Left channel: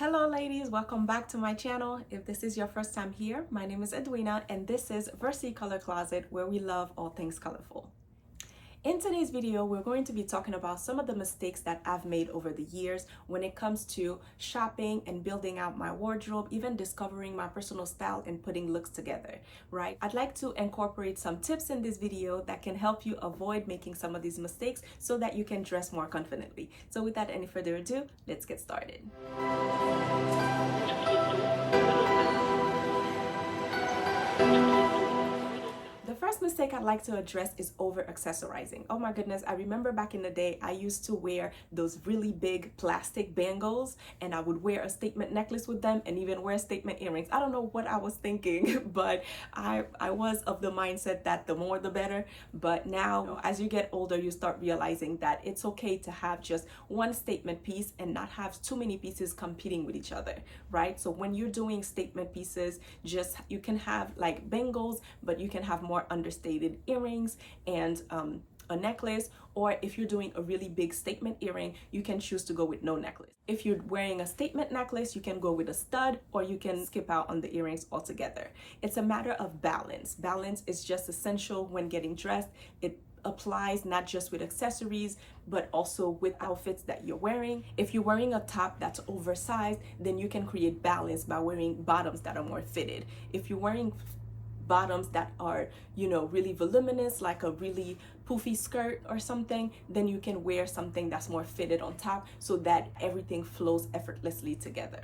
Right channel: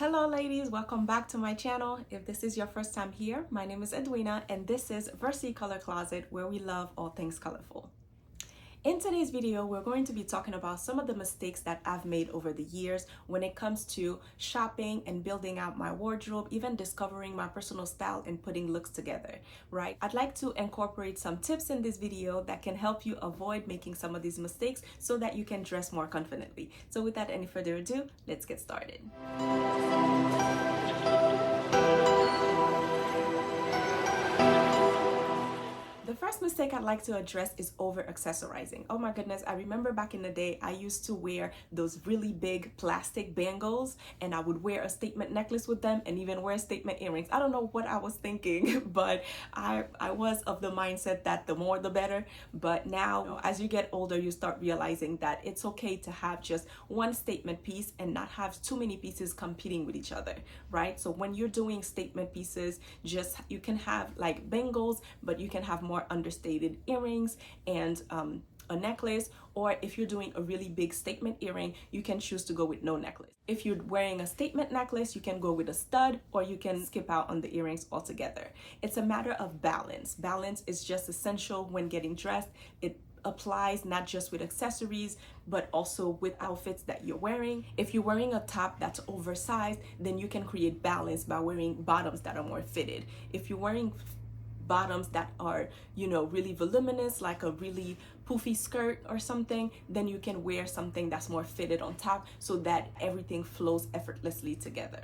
Hello ladies, welcome back to my channel. If this is your first time here, my name is Edwina and this is Versicolor Closet, where we love all things colorful. In today's video, we're going to be talking about some of the mistakes that I've made over the years when it comes to shopping and building out my wardrobe, even discovering my personal style and putting looks together, right? I'd like to incorporate some tips in this video that can help you avoid making some of these mistakes so that you can dress more confidently. So without any further ado, let's get started. The first mistake I'd like to address is over accessorizing. Oh my goodness, I remember back in the day, I used to wear those really big plastic bangles and I would wear a statement necklace with them and even wear statement earrings. I don't know what I was thinking, but I was of the mindset that the more the better. But now, as you get older, you start realizing that it's okay to have just one statement piece and not have too many pieces competing with each other, right? So when you're doing statement pieces, you can have like bangles, but you can have more understated earrings and a necklace, or if you're doing a really big statement earring, you can choose to go with no necklace. If you're wearing a statement necklace, you can go with a stud, or you can skip out on the earrings altogether. It's a matter of balance. Balance is just essential when getting dressed. It applies not just with accessories, but also with outfits that you're wearing. If you're wearing a top that's oversized, then you can create balance by wearing bottoms that are more fitted. If you're wearing bottoms that are, really voluminous, like a really poofy skirt or something, then you can wear something that's more fitted on top so that everything flows effortlessly together.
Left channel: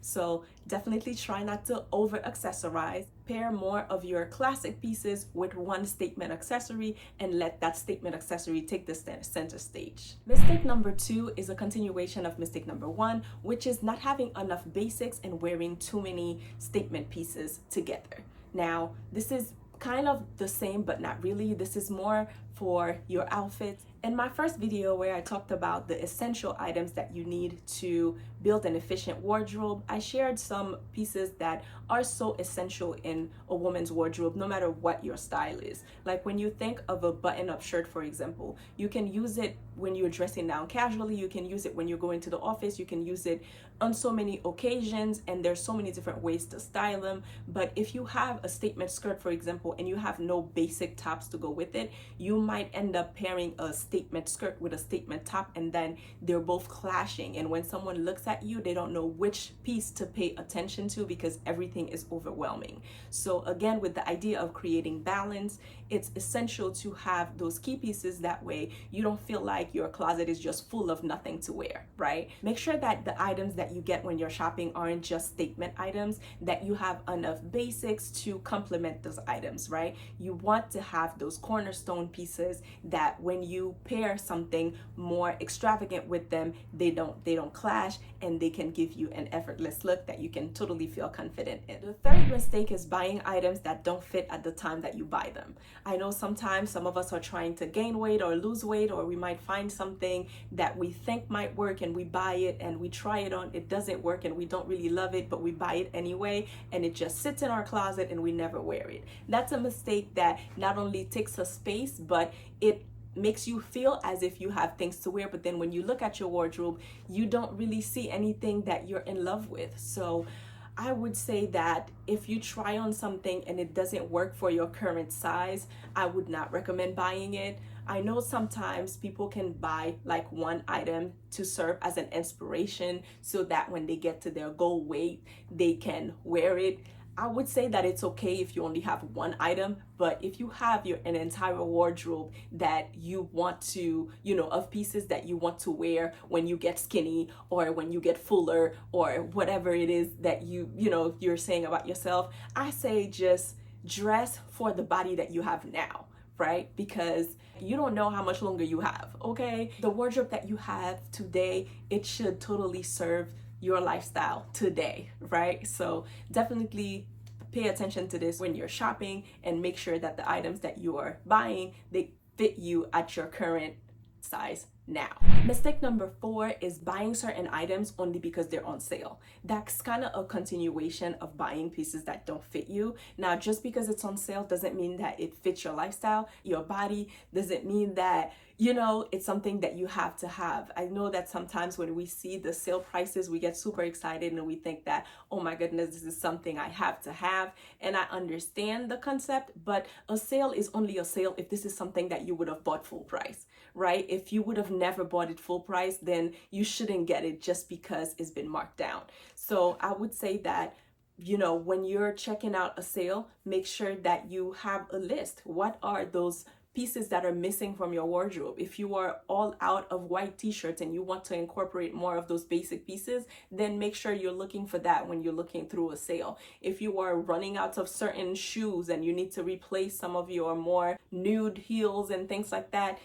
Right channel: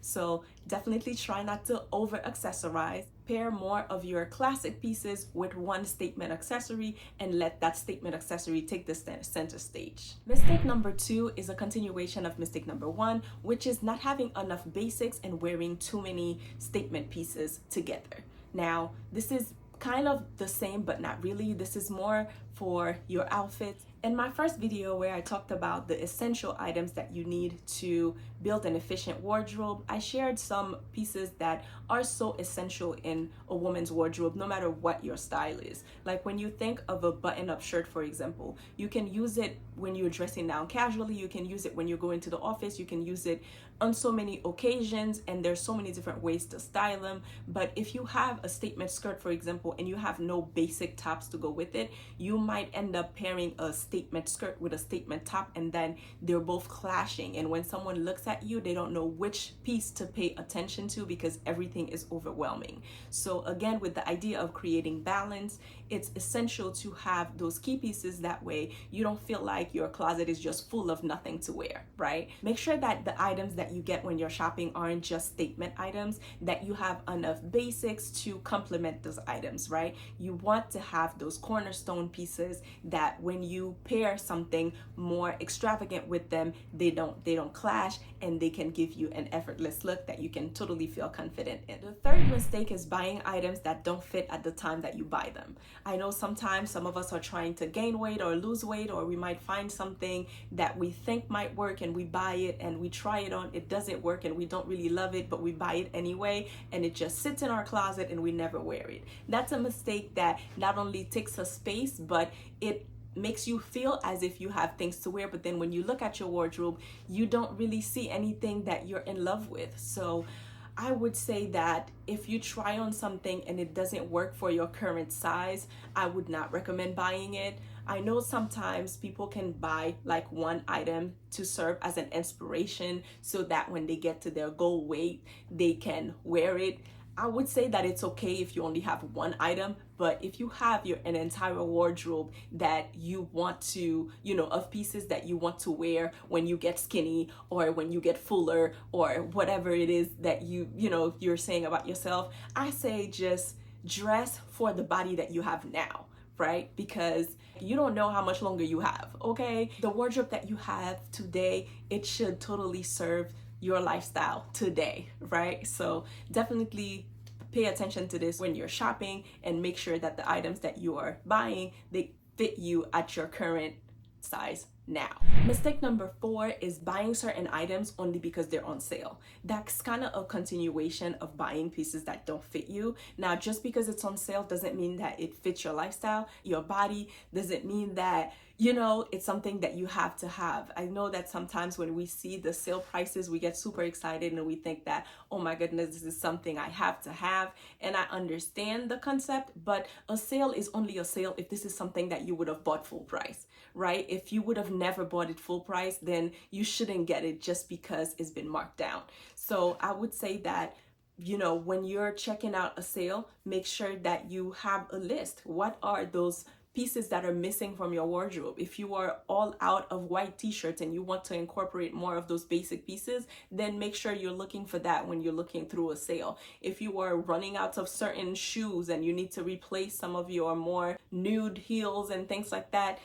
So definitely try not to over accessorize. Pair more of your classic pieces with one statement accessory and let that statement accessory take the center stage. Mistake number 2 is a continuation of mistake number 1, which is not having enough basics and wearing too many statement pieces together. Now, this is kind of the same, but not really. This is more for your outfits. In my first video where I talked about the essential items that you need to build an efficient wardrobe, I shared some pieces that are so essential in a woman's wardrobe, no matter what your style is. Like when you think of a button-up shirt, for example, you can use it when you're dressing down casually, you can use it when you're going to the office, you can use it on so many occasions, and there's so many different ways to style them. But if you have a statement skirt, for example, and you have no basic tops to go with it, you might end up pairing a statement skirt with a statement top, and then they're both clashing, and when someone looks at you, they don't know which piece to pay attention to because everything is overwhelming. So again, with the idea of creating balance, it's essential to have those key pieces. That way you don't feel like your closet is just full of nothing to wear, right? Make sure that the items that you get when you're shopping aren't just statement items, that you have enough basics to complement those items, right? You want to have those cornerstone pieces that when you pair something more extravagant with them, they don't clash, and they can give you an effortless look that you can totally feel confident in. The third mistake is buying items that don't fit at the time that you buy them. I know sometimes some of us are trying to gain weight or lose weight, or we might find something that we think might work and we buy it and we try it on, it doesn't work and we don't really love it, but we buy it anyway, and it just sits in our closet and we never wear it. That's a mistake that not only takes up space, but it makes you feel as if you have things to wear, but then when you look at your wardrobe, you don't really see anything that you're in love with. So I would say that if you try on something and it doesn't work for your current size, I would not recommend buying it. I know sometimes people can buy like one item to serve as an inspiration so that when they get to their goal weight, they can wear it. I would say that it's okay if you only have one item, but if you have an entire wardrobe that you want to, of pieces that you want to wear when you get skinny or when you get fuller or whatever it is that you're saying about yourself, I say just dress for the body that you have now, right? Because you don't know how much longer you have, okay? The wardrobe that you have today, it should totally serve your lifestyle today, right? So definitely pay attention to this when you're shopping and make sure that the items that you are buying, they fit you at your current size now. Mistake number 4 is buying certain items only because they're on sale. That's kind of a continuation of buying pieces that don't fit you. Now, just because it's on sale doesn't mean that it fits your lifestyle, your body, doesn't mean that it's something that you have to have. I know that sometimes when we see the sale prices, we get super excited and we think that, oh my goodness, this is something I have to have. And I understand the concept, but a sale is only a sale if this is something that you would have bought full price, right? If you would have never bought it full price, then you shouldn't get it just because it's been marked down. So I would say that when you're checking out a sale, make sure that you have a list. What are those pieces that are missing from your wardrobe? If you are all out of white t-shirts and you want to incorporate more of those basic pieces, then make sure you're looking for that when you're looking through a sale. If you are running out of certain shoes and you need to replace some of your more nude heels and things like that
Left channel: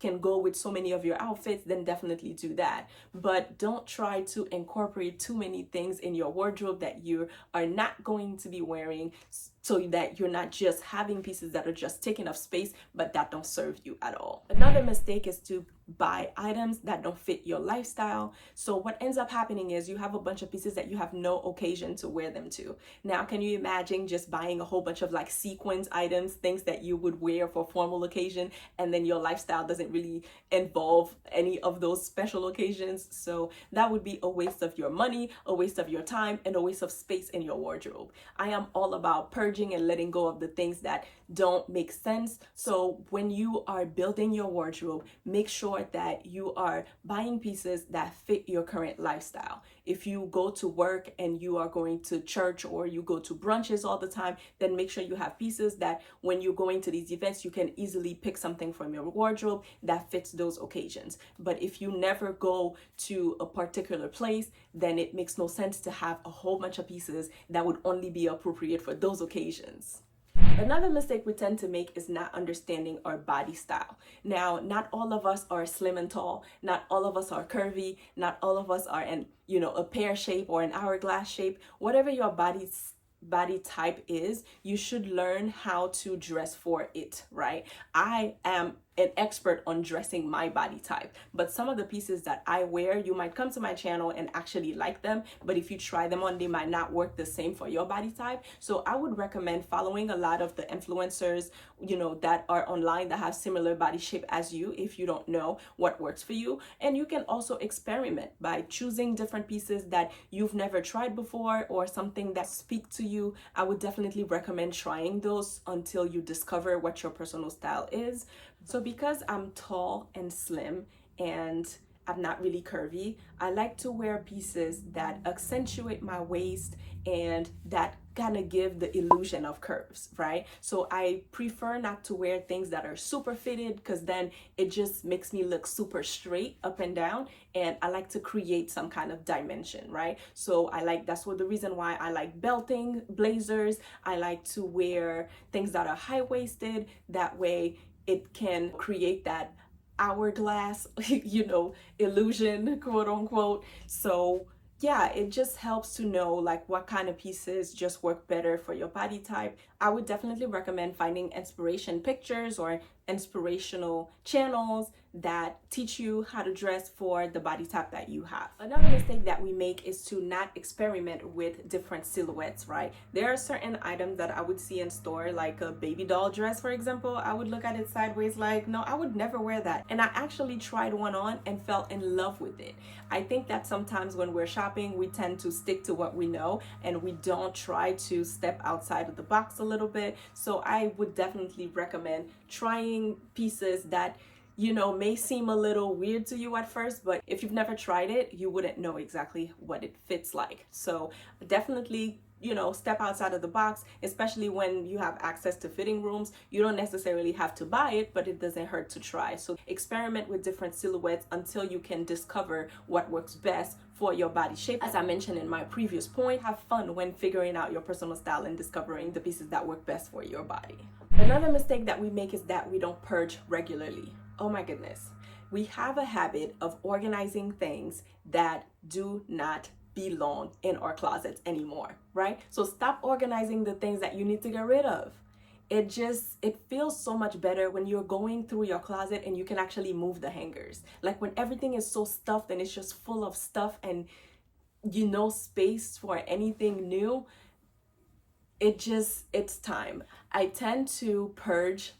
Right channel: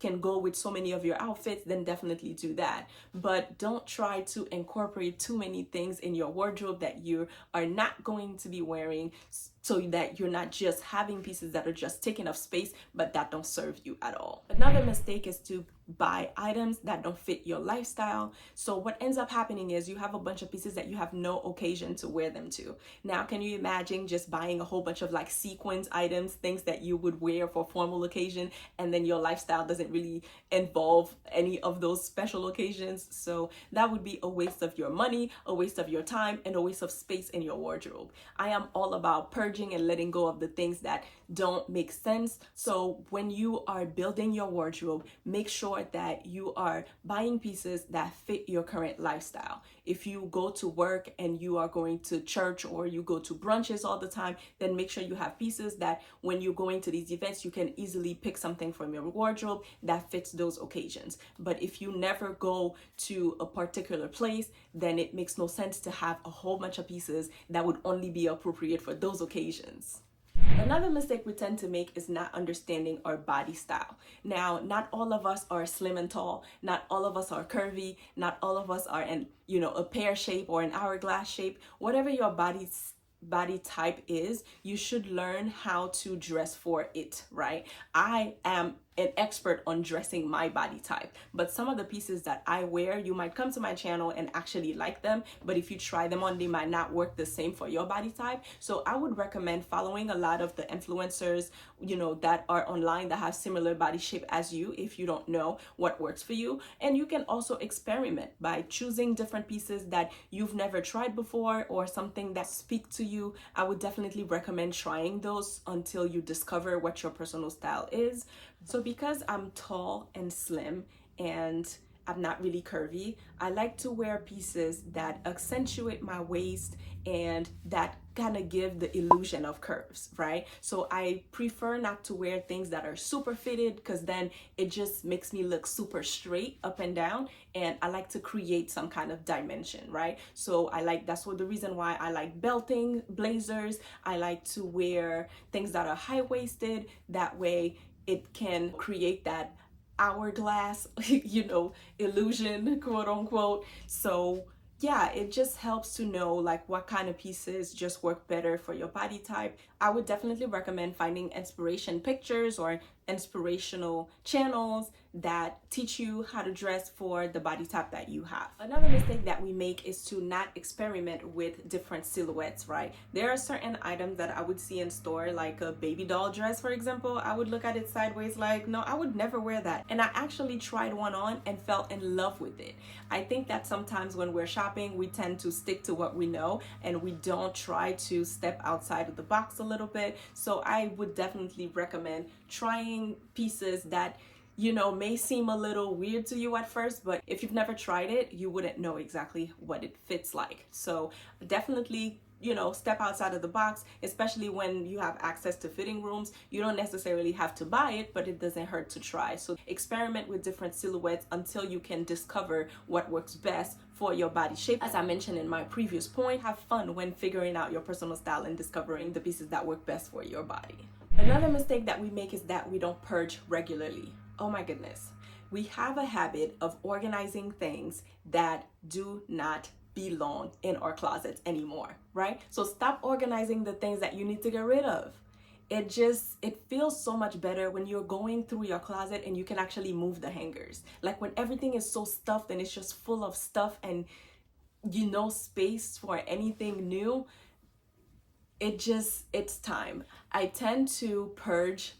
can go with so many of your outfits, then definitely do that. But don't try to incorporate too many things in your wardrobe that you are not going to be wearing, so that you're not just having pieces that are just taking up space but that don't serve you at all. Another mistake is to buy items that don't fit your lifestyle. So what ends up happening is you have a bunch of pieces that you have no occasion to wear them to. Now, can you imagine just buying a whole bunch of like sequins items, things that you would wear for formal occasion, and then your lifestyle doesn't really involve any of those special occasions? So that would be a waste of your money, a waste of your time, and a waste of space in your wardrobe. I am all about purging and letting go of the things that don't make sense. So when you are building your wardrobe, make sure that you are buying pieces that fit your current lifestyle. If you go to work and you are going to church or you go to brunches all the time, then make sure you have pieces that when you're going to these events, you can easily pick something from your wardrobe that fits those occasions. But if you never go to a particular place, then it makes no sense to have a whole bunch of pieces that would only be appropriate for those occasions. Another mistake we tend to make is not understanding our body style. Now, not all of us are slim and tall. Not all of us are curvy. Not all of us are in, a pear shape or an hourglass shape. Whatever your body type is, you should learn how to dress for it, right? I am an expert on dressing my body type, but some of the pieces that I wear, you might come to my channel and actually like them, but if you try them on, they might not work the same for your body type. So I would recommend following a lot of the influencers, that are online that have similar body shape as you, if you don't know what works for you. And you can also experiment by choosing different pieces that you've never tried before or something that speak to you. I would definitely recommend trying those until you discover what your personal style is. So because I'm tall and slim and I'm not really curvy, I like to wear pieces that accentuate my waist and that kind of give the illusion of curves, right? So I prefer not to wear things that are super fitted, because then it just makes me look super straight up and down, and I like to create some kind of dimension, right? So that's the reason why I like belting blazers. I like to wear things that are high-waisted. That way it can create that hourglass, illusion, quote unquote. So yeah, it just helps to know what kind of pieces just work better for your body type. I would definitely recommend finding inspiration pictures or inspirational channels that teach you how to dress for the body type that you have. Another mistake that we make is to not experiment with different silhouettes, right? There are certain items that I would see in store, like a baby doll dress, for example. I would look at it sideways like, no, I would never wear that. And I actually tried one on and fell in love with it. I think that sometimes when we're shopping, we tend to stick to what we know and we don't try to step outside of the box a little bit. So I would definitely recommend trying pieces that may seem a little weird to you at first, but if you've never tried it, you wouldn't know exactly what it fits like. So definitely, step outside of the box, especially when you have access to fitting rooms. You don't necessarily have to buy it, but it doesn't hurt to try. So experiment with different silhouettes until you can discover what works best for your body shape. As I mentioned in my previous point, have fun when figuring out your personal style and discovering the pieces that work best for your body. Another mistake that we make is that we don't purge regularly. Oh my goodness. We have a habit of organizing things that do not belong in our closets anymore, right? So stop organizing the things that you need to get rid of. It feels so much better when you're going through your closet and you can actually move the hangers. Like when everything is so stuffed and it's just full of stuff and space for anything new, it's time. I tend to purge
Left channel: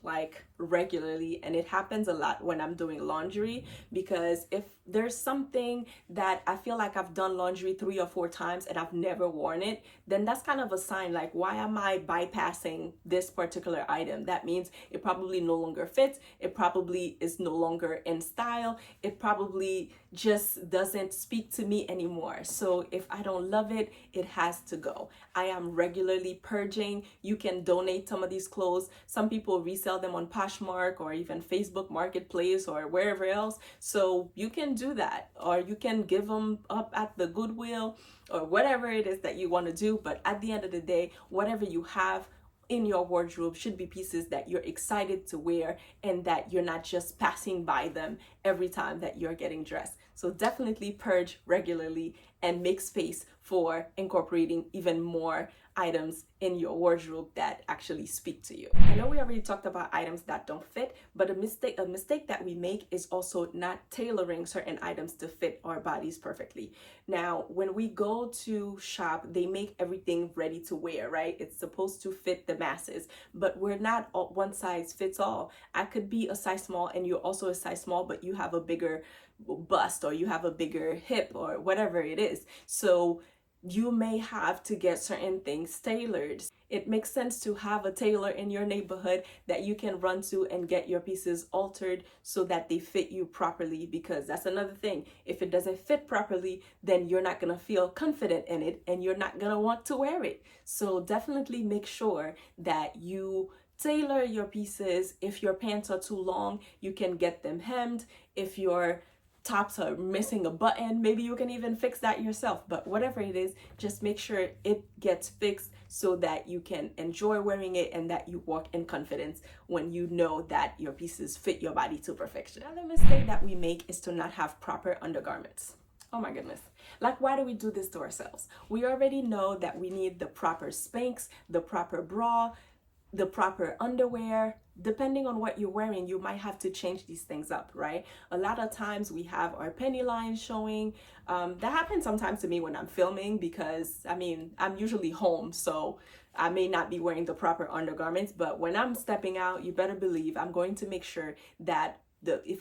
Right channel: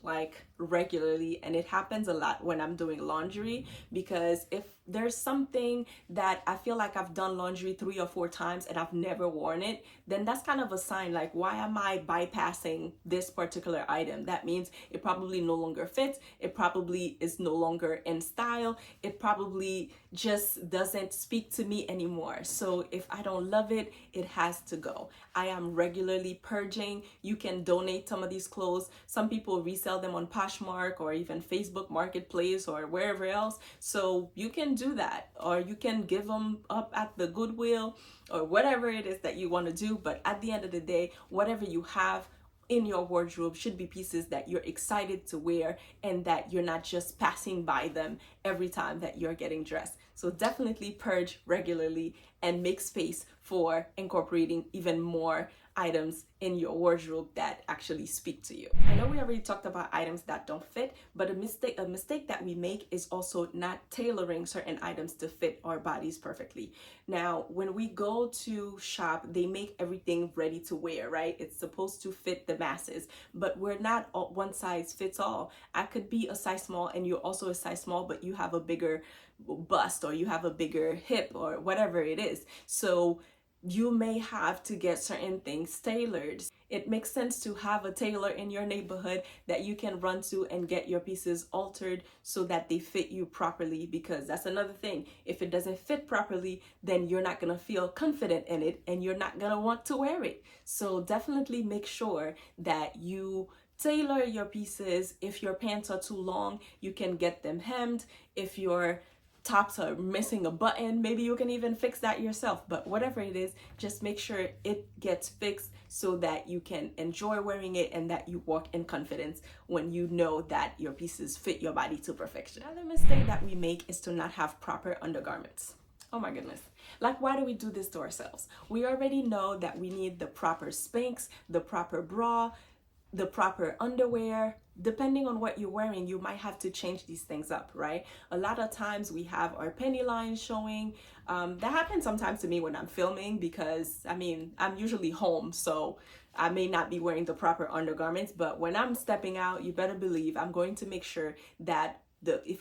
regularly, and it happens a lot when I'm doing laundry, because if there's something that I feel like I've done laundry 3 or 4 times and I've never worn it, then that's kind of a sign like, why am I bypassing this particular item? That means it probably no longer fits, it probably is no longer in style, it probably just doesn't speak to me anymore. So if I don't love it, it has to go. I am regularly purging. You can donate some of these clothes. Some people resell them on Poshmark or even Facebook Marketplace or wherever else. So you can do that, or you can give them up at the Goodwill or whatever it is that you want to do. But at the end of the day, whatever you have in your wardrobe should be pieces that you're excited to wear and that you're not just passing by them every time that you're getting dressed. So definitely purge regularly and make space for incorporating even more items in your wardrobe that actually speak to you. I know we already talked about items that don't fit, but a mistake that we make is also not tailoring certain items to fit our bodies perfectly. Now, when we go to shop, they make everything ready to wear, right? It's supposed to fit the masses, but we're not one size fits all. I could be a size small and you're also a size small, but you have a bigger bust or you have a bigger hip or whatever it is. So you may have to get certain things tailored. It makes sense to have a tailor in your neighborhood that you can run to and get your pieces altered so that they fit you properly, because that's another thing. If it doesn't fit properly, then you're not going to feel confident in it and you're not going to want to wear it. So definitely make sure that you tailor your pieces. If your pants are too long, you can get them hemmed. If your tops are missing a button, maybe you can even fix that yourself. But whatever it is, just make sure it gets fixed so that you can enjoy wearing it and that you walk in confidence when you know that your pieces fit your body to perfection. Another mistake that we make is to not have proper undergarments. Oh my goodness. Like, why do we do this to ourselves? We already know that we need the proper Spanx, the proper bra, the proper underwear. Depending on what you're wearing, you might have to change these things up, right? A lot of times we have our penny lines showing. That happens sometimes to me when I'm filming, because I mean, I'm usually home, so I may not be wearing the proper undergarments, but when I'm stepping out, you better believe I'm going to make sure that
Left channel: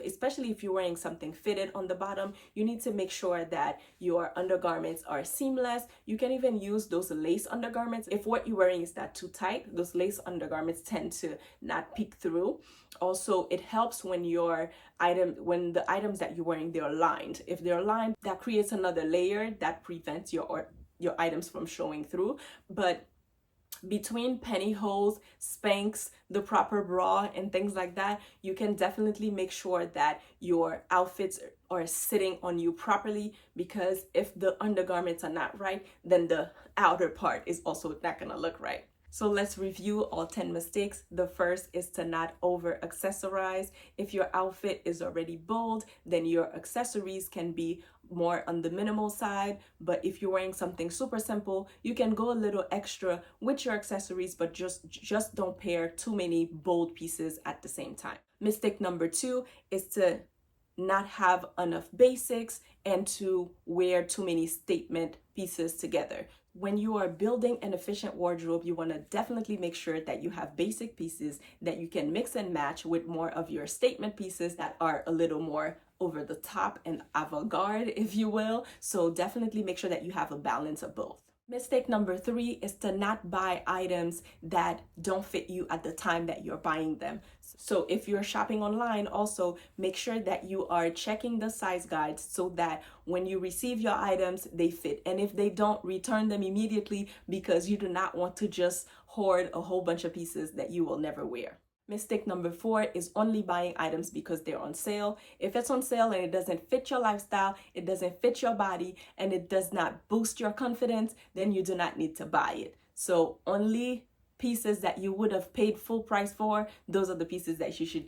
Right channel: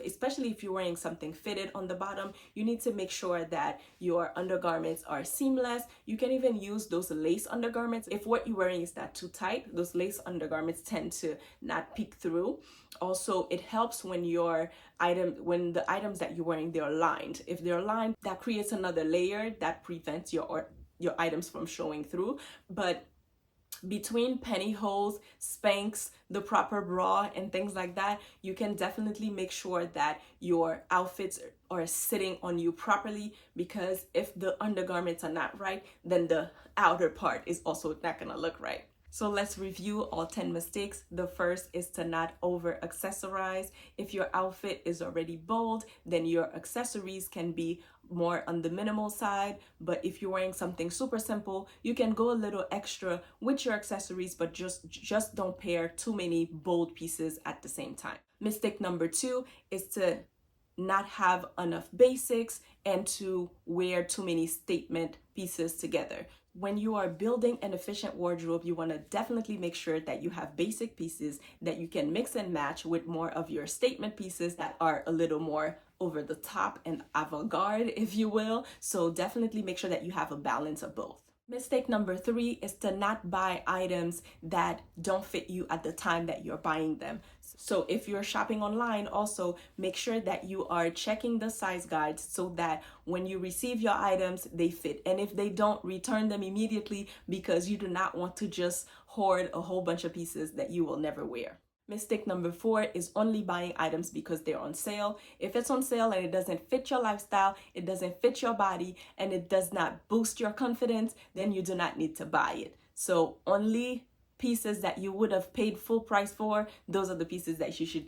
especially if you're wearing something fitted on the bottom, you need to make sure that your undergarments are seamless. You can even use those lace undergarments. If what you're wearing is not too tight, those lace undergarments tend to not peek through. Also, it helps when the items that you're wearing, they're lined. If they're lined, that creates another layer that prevents your items from showing through. But between pantyhose, Spanx, the proper bra, and things like that, you can definitely make sure that your outfits are sitting on you properly, because if the undergarments are not right, then the outer part is also not gonna look right. So let's review all 10 mistakes. The first is to not over accessorize. If your outfit is already bold, then your accessories can be more on the minimal side. But if you're wearing something super simple, you can go a little extra with your accessories, but just don't pair too many bold pieces at the same time. Mistake number 2 is to not have enough basics and to wear too many statement pieces together. When you are building an efficient wardrobe, you want to definitely make sure that you have basic pieces that you can mix and match with more of your statement pieces that are a little more over the top and avant-garde, if you will. So definitely make sure that you have a balance of both. Mistake number 3 is to not buy items that don't fit you at the time that you're buying them. So if you're shopping online, also make sure that you are checking the size guides so that when you receive your items, they fit. And if they don't, return them immediately, because you do not want to just hoard a whole bunch of pieces that you will never wear. Mistake number 4 is only buying items because they're on sale. If it's on sale and it doesn't fit your lifestyle, it doesn't fit your body, and it does not boost your confidence, then you do not need to buy it. So only pieces that you would have paid full price for, those are the pieces that you should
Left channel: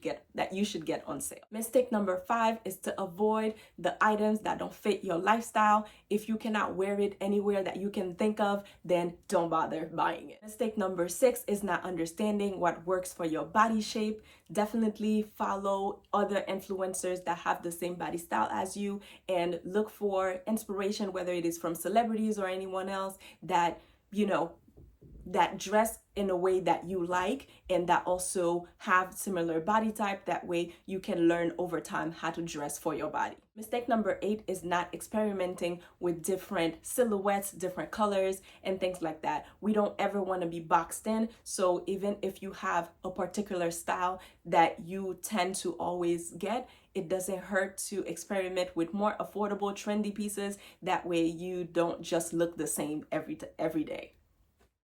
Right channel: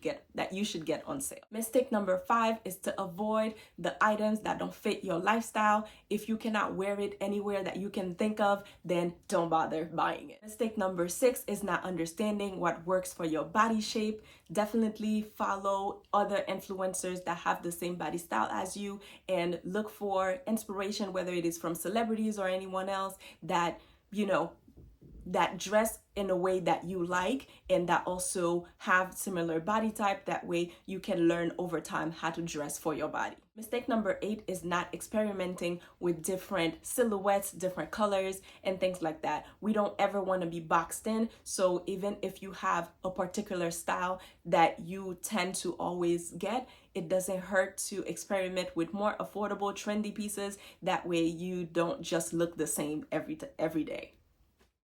get on sale. Mistake number 5 is to avoid the items that don't fit your lifestyle. If you cannot wear it anywhere that you can think of, then don't bother buying it. Mistake number 6 is not understanding what works for your body shape. Definitely follow other influencers that have the same body style as you and look for inspiration, whether it is from celebrities or anyone else that, that dress in a way that you like and that also have similar body type. That way you can learn over time how to dress for your body. Mistake number 8 is not experimenting with different silhouettes, different colors, and things like that. We don't ever want to be boxed in. So even if you have a particular style that you tend to always get, it doesn't hurt to experiment with more affordable, trendy pieces. That way you don't just look the same every day.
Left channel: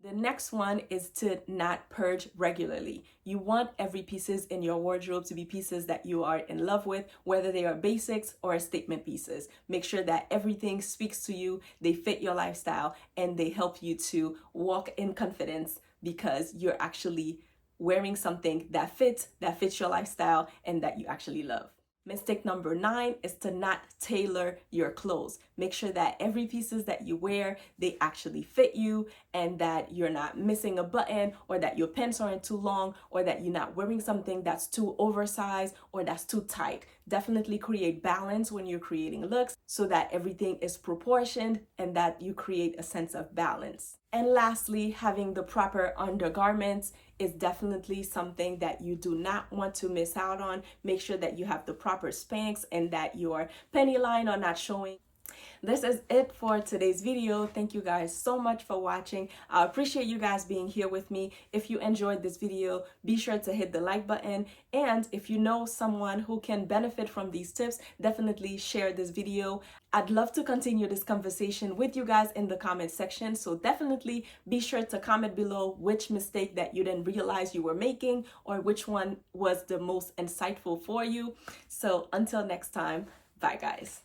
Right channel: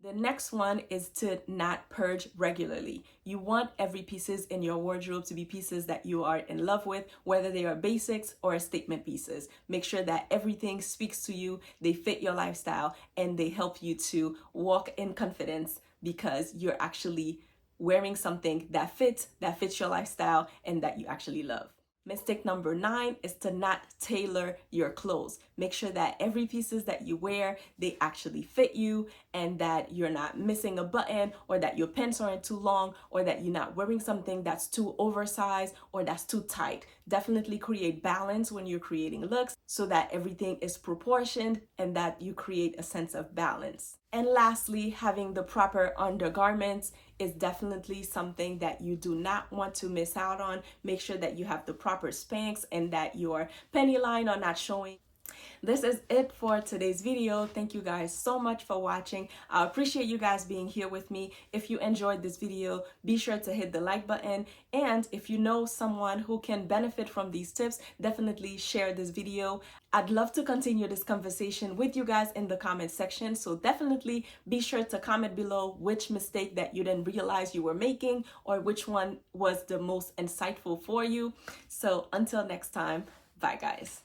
The next one is to not purge regularly. You want every pieces in your wardrobe to be pieces that you are in love with, whether they are basics or statement pieces. Make sure that everything speaks to you, they fit your lifestyle, and they help you to walk in confidence because you're actually wearing something that fits your lifestyle and that you actually love. Mistake number 9 is to not tailor your clothes. Make sure that every pieces that you wear, they actually fit you and that you're not missing a button or that your pants aren't too long or that you're not wearing something that's too oversized or that's too tight. Definitely create balance when you're creating looks so that everything is proportioned and that you create a sense of balance. And lastly, having the proper undergarments is definitely something that you do not want to miss out on. Make sure that you have the proper Spanx and that your penny line are not showing. This is it for today's video. Thank you guys so much for watching. I appreciate you guys being here with me. If you enjoyed this video, be sure to hit the like button. And if you know someone who can benefit from these tips, definitely share this video. I'd love to continue this conversation with you guys in the comment section. So definitely be sure to comment below which mistake that you didn't realize you were making or which one was the most insightful for you. So until next time, bye guys.